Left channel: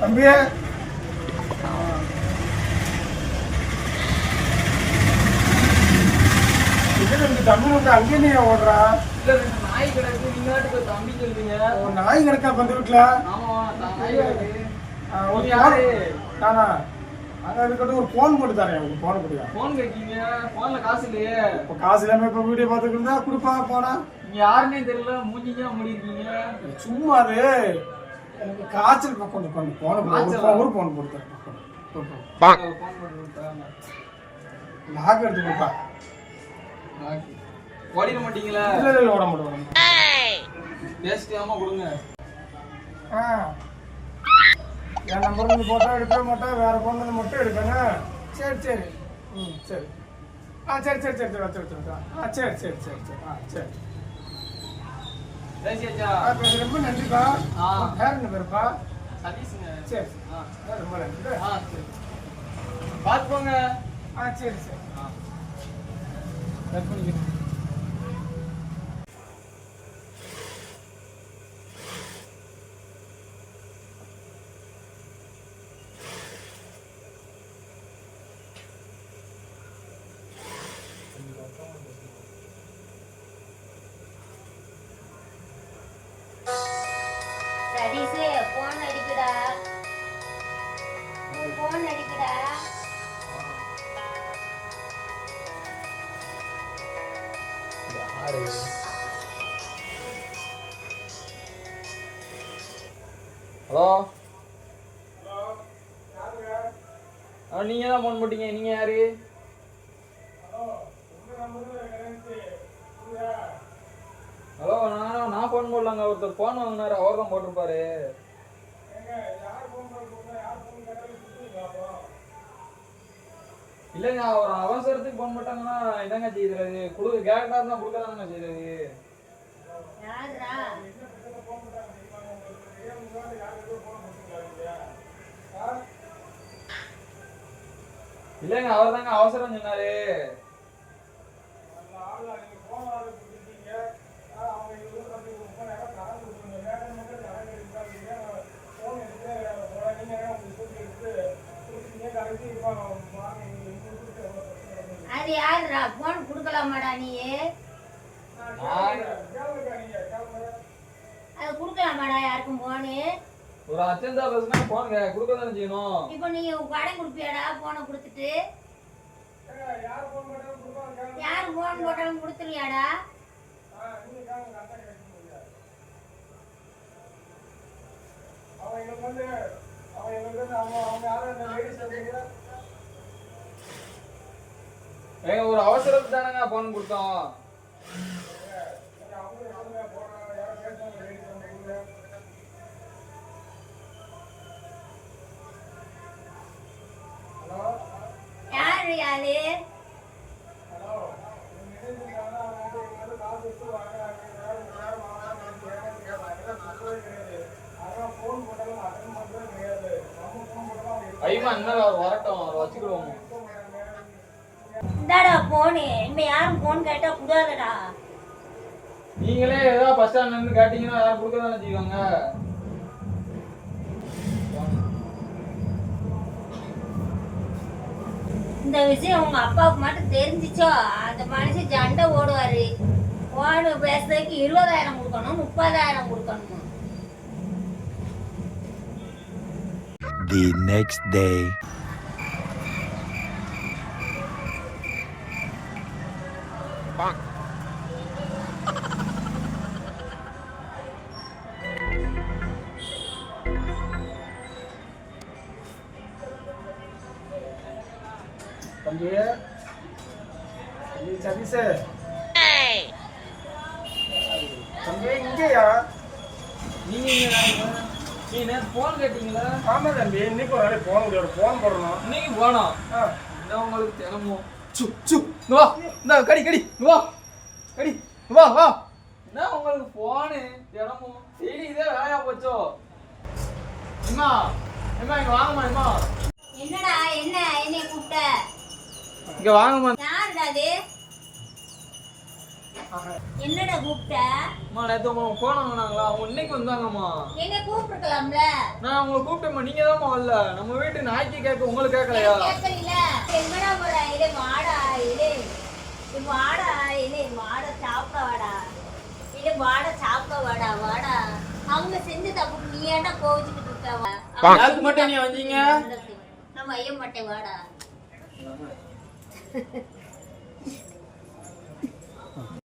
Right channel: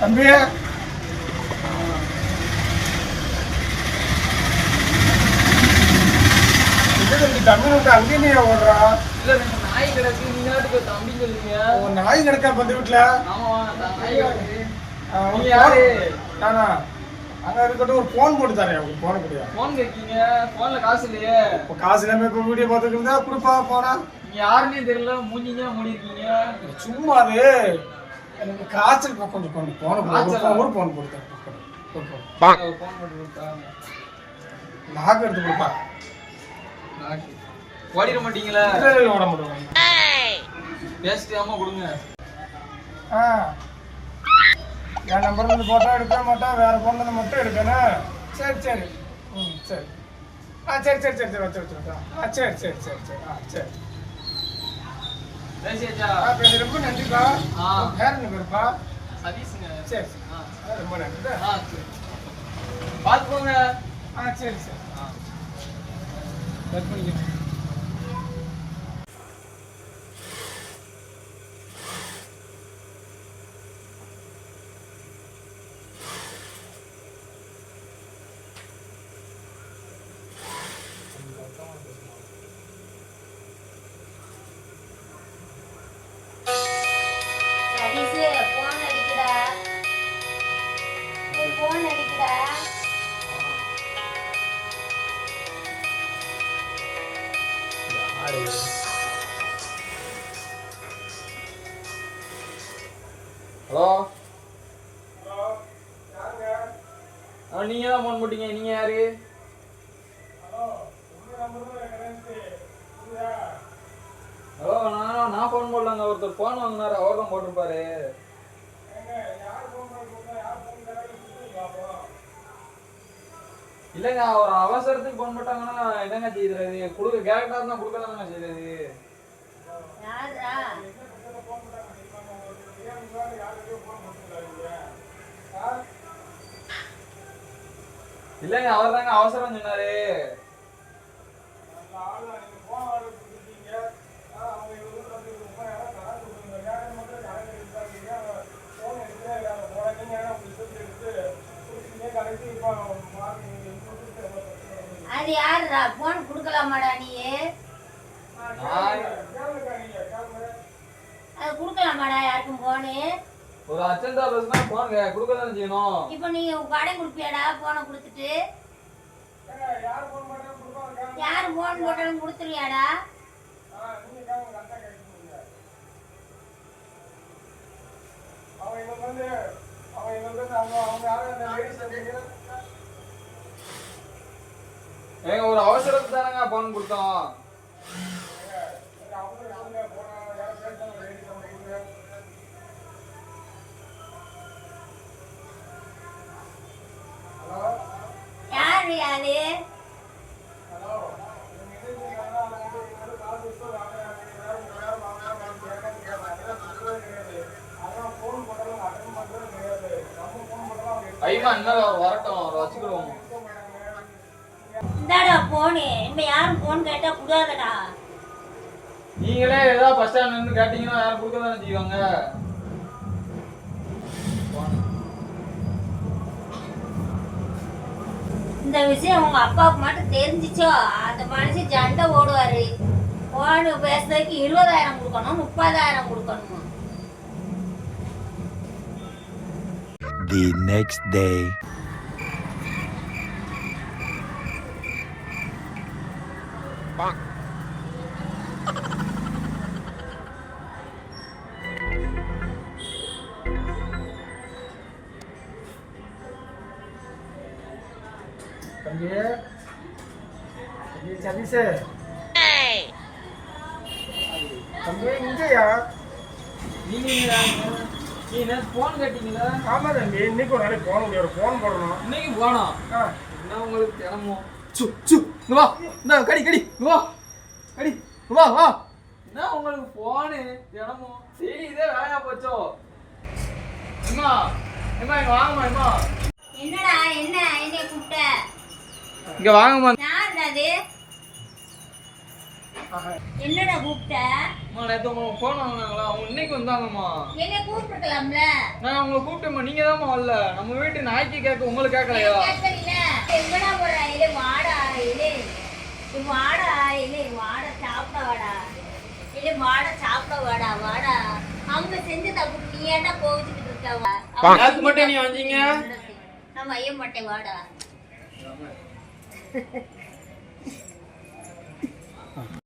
தம்பி. நாய் கிடக்கு நீங்க நாட்டுக்கு தம்பி சொல்றீங்க? ஒரு நாய் கிடக்கா பந்து வீட்டுல நான் அதான் இருக்கட்டும் ஒரு ஃபோன் போட்டு தரேன் உங்களுக்கு போன முடியா போன் இருக்கீங்க போன்ல காசு இல்லையே. இப்போ காசு இல்லாம இப்போ வீடியோ பார்த்துக்கிட்டு தான் கொடுப்பா போனா. நீங்க யாருன்னே தெரியல மூஞ்சிங்க மூடி இருக்கீங்க சும்மா அது. எனக்கு காய்ச்சல் கொஞ்சம் கொஞ்சம் போன. ஒரு காய்ச்சலா? phone- ஒரு ஃபோன் கொடுத்தேன் போன் கொடுத்தாங்க. லாக் எடுத்து கொடுப்பா. ஓடிட மாட்டீங்களா? இல்லை இல்லை ஓட மாட்டோம். பேசிக்காம கொடுங்க. ஆ. என் நம்பர் வந்து போட்டா எடுக்க மாட்டா வேற ஃபோன் வந்து மட்டும் எடுக்கணும். சரி சரி. ம் சரி. ஆ சரி சரி சரி சரி வச்சு வச்சு. ஆ சரி சரி சரி சரி. ஆ சரி. ரொம்ப நன்றிப்பா. ஆ. வேற என்ன பேருப்பா? சதீஷுங்க. சரி சரி. ரொம்ப நன்றி ஆ சரி. பார்த்து போங்க. ஆ சரி சரி. கட் பண்ணிக்கிறேன். ஹலோ ஆ நீங்க தான் ஃபோன் போட்டீங்க. நீங்க யாரு? ஹலோ நான் நான் ஃபோன் போடலாங்க. ஒருத்தர் ஃபோன் வாங்கினாரு. அவர் தான் போட்டிருப்பாரு இல்லைங்க ஒரு அவசரத்துக்கு ஃபோன் போட்டாங்கன்னா என்னங்க செய்யறது? கொடுக்க கேட்டாருன்னா கொடுக்க தானங்க செய்யறது. இல்லைங்க அவர் தாங்க அவசரம் சொன்னாரு. அது யாருடா? போன் கொடுக்கலாமாடா நீ நான் அது கொடுக்கலாமாடா யாருக்கும் போனு ஒரு அச்சந்தா பேசுனா ஃபோன் கொடுக்க தானே செய்யணும்? இப்போ நீ கடை கொடுப்பியாடா போனை கொடுத்துட்டு? யார் போன் போட்டாலும் கொடுத்துருவியாடா? அவன் எங்களுக்கு வந்து அவன் எங்களுக்கு வந்து அவங்க அவங்க யாரும் அந்த லேடிஸ் வந்து ஏங்க ஒரு அவசரத்துக்கு தானங்க ஃபோன் கொடுத்தோம். யாரு யாரு? ஐயா அவர் வரட்டும் அவர் வச்சுக்கிடுவோம். போனு. இனிமே யாரும் போன் கேட்டா கூடாதடா. நீங்களே ஏதாவது பஸ் ஸ்டாண்ட்ல இருந்து கேட்டீங்கன்னா யாரும் கொடுக்க தானே செய்வாங்க? இந்த விஷயம் உங்க அப்பாவுக்கு மட்டும் தெரிஞ்சிச்சோ? அந்த மனுஷன் சண்டை ஓடுவாரு போன் பேசுறதுக்கு இருபதாயிரம் கொடுக்கணும் முப்பதாயிரம் கொடுக்கணும். The next day. தம்பி தம்பி சதீஷே தம்பி இங்கேயா நீங்க? நீ நேத்து போன் கேட்டீங்களா? ஆமா தம்பி இன்னைக்கு ஒரு நாளைக்கு போன முடியாது ஃபோன் போடணும். இன்னைக்கு போனோம். என்ன உங்களுக்கு தினமும்? சு வா. இந்த கடி கடி. வா. கடி. வா வா. என்ன உங்களுக்கு போனு தினமும். சரி இதே வேலையா போச்சோ? அம்மா அம்மா இங்க வாங்கம்மா அம்மா என்னடா என்ன என்னைய கூப்பிட்ட? இங்க வாங்கம்மா. யாருடா அது. என்னடா கூப்பிட்ட? அம்மா நேற்று உங்க ஃபோன் வாங்கினாங்களா? அவங்க இன்னைக்கு வந்தாங்கம்மா. என்னை கூப்பிட்டுருக்கலாம்ல? நான் உங்களை கூப்பிட்டேம்மா. நீங்க தான் வரல. நம்ம வீட்டு நாய்க்கு கேட்க உங்களுக்கு கேட்கலையா? கேட்கல எங்கடா போற இல்லை வாடா இல்லை இது வாடா இல்லை வாடா சாப்பிட வாடா இல்லை வாடா சாப்பிட வாடா வாடா அவங்க செஞ்சு தப்பு நீ ஏன்டா கோவிச்சுட்டு இருக்க யாருக்கு மட்டும் நீ வந்தீங்க நம்ம ஐய மாட்டேன் வாடா